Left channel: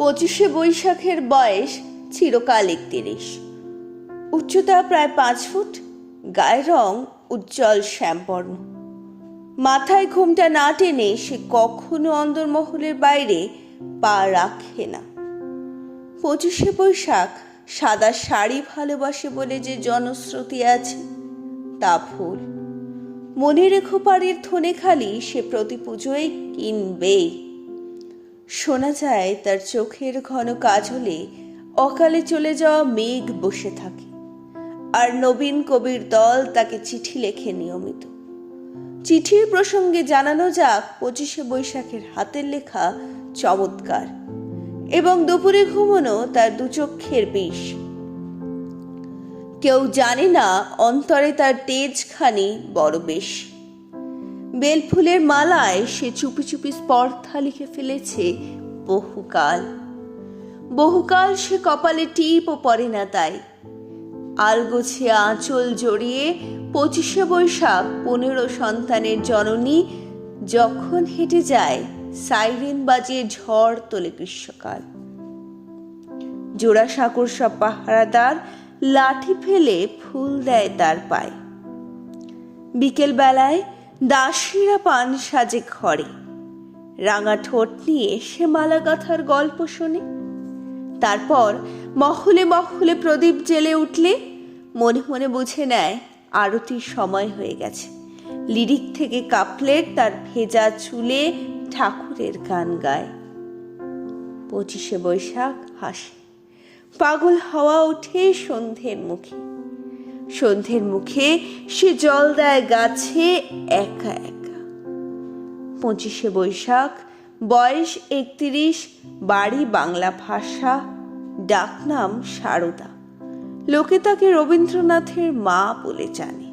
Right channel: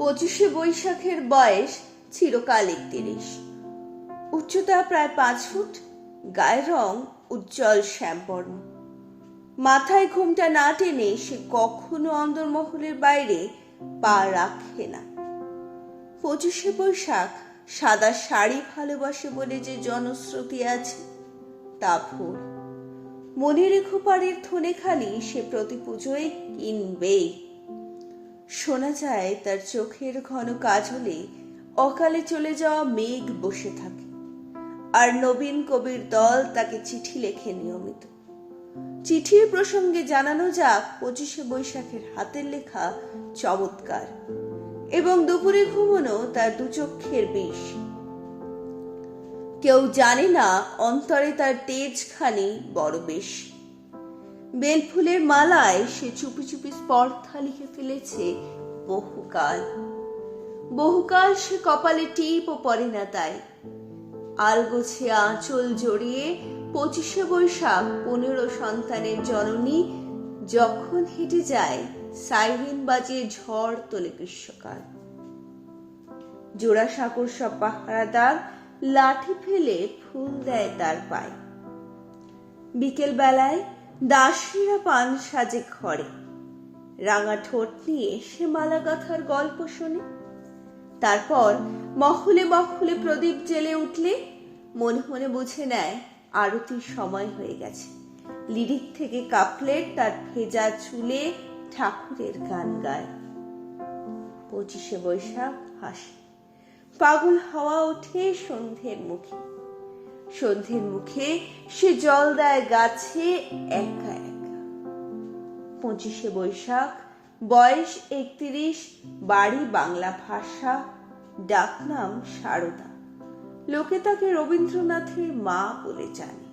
পঁচিশে বৈশাখের বয়স চিরকাল একতিরিশ। উচ্চতা প্রায় পাঁচ ফুট, গায়ের রং উজ্জ্বল শ্যামবর্ণ। মাথায় ঘোমটা না টেনে সে কখনো অন্দরমহলের বাইরে পা রাখে না। পঁচিশে বৈশাখ সাদা শাড়ি ভালোবাসে বলে যে জনশ্রুতি আছে, তা ভুল। মনে রেখো পাড়ের থনে খালি সে প্রতি পুজোয় কিনবেই। শোনা যায় তার চোখের ঘন কাজলে অকালে চলে যাওয়া মেঘ বসে থাকে। আর নবীন কবির দল তাকে চিঠি লেখে নিয়মিত। চিঠির প্রসঙ্গে জানানো যাক পঁচিশে বৈশাখের হাতের লেখা চমৎকার এবং দুপুরে ঘুমনো তার দুচক্ষের বিষ। কেউ জানে না অন্তরে তার তেজখানি বড় বেশি। বেলফুলের মালায় সে চুপি চুপি স্পর্ধা লিখে ফেলেছে, বহুকাল। বহুকাল সে কপালে টিপও পড়ে না তাই। আলগোছে আঁচল জড়িয়ে পঁচিশে বৈশাখ পনেরো সন্তানের জননী যখন হেঁটে যায়, সাইরেন বাজিয়ে ঝড় তোলে গ্রীষ্মকাল। জোড়া জোড়াসাঁকোর সব পাহারাদার লাঠি ফেলে ফুল দেয় তার পায়ে। বিকেল বেলায় দাসীরা পান সাজে ঘরে। রাঙা ঠোঁট নিয়ে সে মালা গাথার গল্প শোনে। তারপর মহলে মহলে প্রদীপ জেলে উঠলে মনে মনে বুঝে নেয় আরতির সময় হয়ে গেছে। লিরিক থেকে কাপলেট তার ভেজা চুলে ঠাকুরের গান গায়। পঁচিশে বৈশাখ হাসে। পাগল হাওয়া ওঠে সন্ধ্যের মুখে। সন্ধ্যের মুখে সে জল দেয় গাছে একা একা। পঁচিশে বৈশাখ, বয়স একত্রিশ, বাড়ি বাংলা ভাষা, ডাকনাম সারদা। লোকে তাকে রবীন্দ্রনাথের মা বলে জানে।